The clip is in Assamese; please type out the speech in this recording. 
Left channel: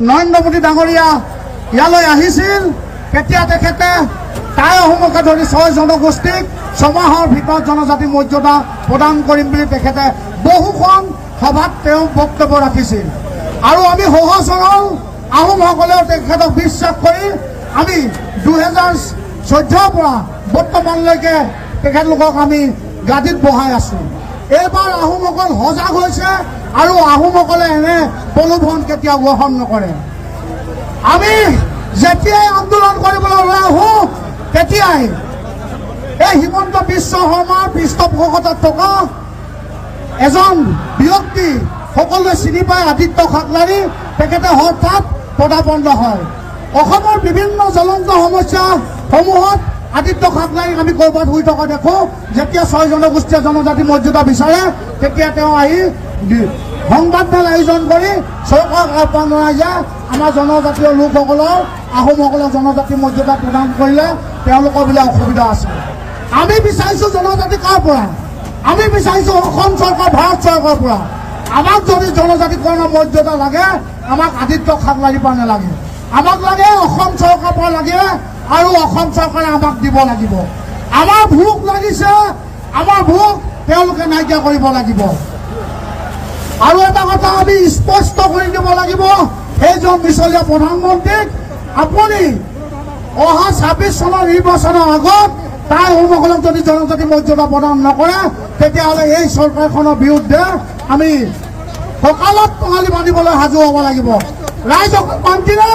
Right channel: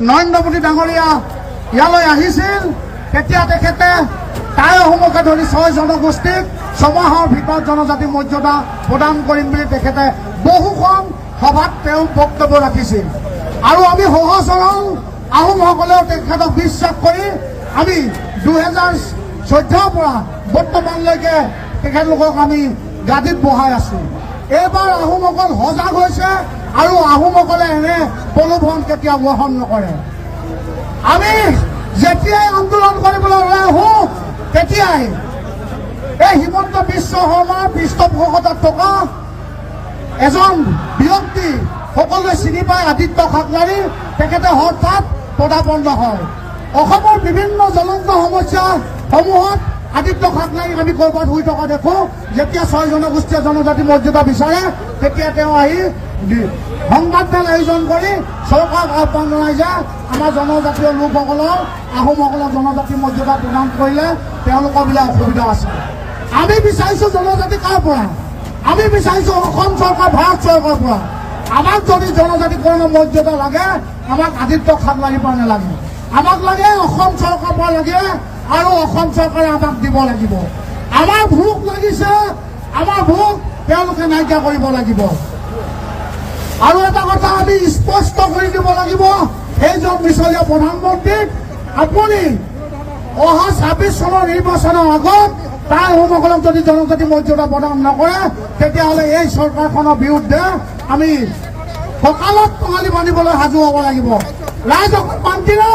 নৰেন্দ্ৰ মোদী ডাঙৰীয়া ইয়ালৈ আহিছিল তেতিয়া তেখেতে তাই অসমকে ধৰি 6 জনগোষ্ঠীক 6 মাহৰ ভিতৰত জনজাতি মৰ্যাদা প্ৰদান কৰিম বুলি তেখেতে বহুখন সভাত তেওঁ বক্তব্য ৰাখিছিল আৰু আমি সহজ সৰল আহোমসকলেও তেখেতক বিশ্বাস কৰি আমি 2014 পৰা বৰ্তমানলৈকে তেখেতলোকক আমি গাদীত বহাই আছো। এইবাৰ আহোমসকল সজাগ হৈছে আৰু আহোমসকলে এনে প্ৰলোভন কেতিয়াও গ্ৰহণ নকৰে। আমি যেতিয়াই আন্দোলন কৰিবলৈ ওলাই আহো তেতিয়াই এই হিমন্ত বিশ্ব শৰ্মাৰ পৃষ্ঠপোষকতাত থকা এজন ব্যক্তি সকলোৱে চিনি পায় আদিত্য ঠাকৰাৰী তেখেতে হঠাৎ পদাপন্ন হয়। অসমৰ বিভিন্ন জ্বলন্ত সমস্যাসমূহত আদিত্য ঠাকৰাৰীক আমি ক'ৰবাত শুই থকা দেখো। যেতিয়া 6 জনগোষ্ঠীয় জনজাতি মৰ্যাদা বিচাৰে তেতিয়া তেওঁ আহি সংবাদমেল আয়োজন কৰি চৰকাৰক আহ্বান জনাই যে আমাৰ জনজাতীয় লোকসকলৰ আহোমসকলৰ জনজাতি মৰ্যাদা প্ৰদান কৰিলে তেওঁলোকৰ বোলে অসুবিধা আছে। আমি বিচাৰিছো জনজাতি কাৰ পৰা? আমি বিচাৰিছো অসম চৰকাৰ ভাৰত চৰকাৰৰ পৰা। আমাক যদি জনজাতিকৰণৰ মৰ্যাদা লাগে আমাক আদিত্য ঠাকৰাৰীৰ পৰা নালাগে, আমাক লাগে অসম চৰকাৰৰ পৰা লাগে আৰু অসম চৰকাৰে আমাক দিব লাগিব। আমাৰ ভোক লাগিছে, আমাৰ ভোক তেওঁলোকে নাইকিয়া কৰিব লাগিব। আৰু এটা কথা আমি স্পষ্ট কৰি দিব লাগিব সেইজন পিছলীয়া প্ৰধানমন্ত্ৰীক, আপুনি অহা 26 চনৰ নিৰ্বাচনৰ আগত তাই অসমসকলক যদি জনজাতি মৰ্যাদা প্ৰদান নকৰে তেতিয়াহ'লে এই চৰকাৰখনৰ বিৰুদ্ধে আমি সকালত টঙালি বান্ধিবলৈ সাজু হ'ব লাগিব। ৰাইজক মান্তিৰে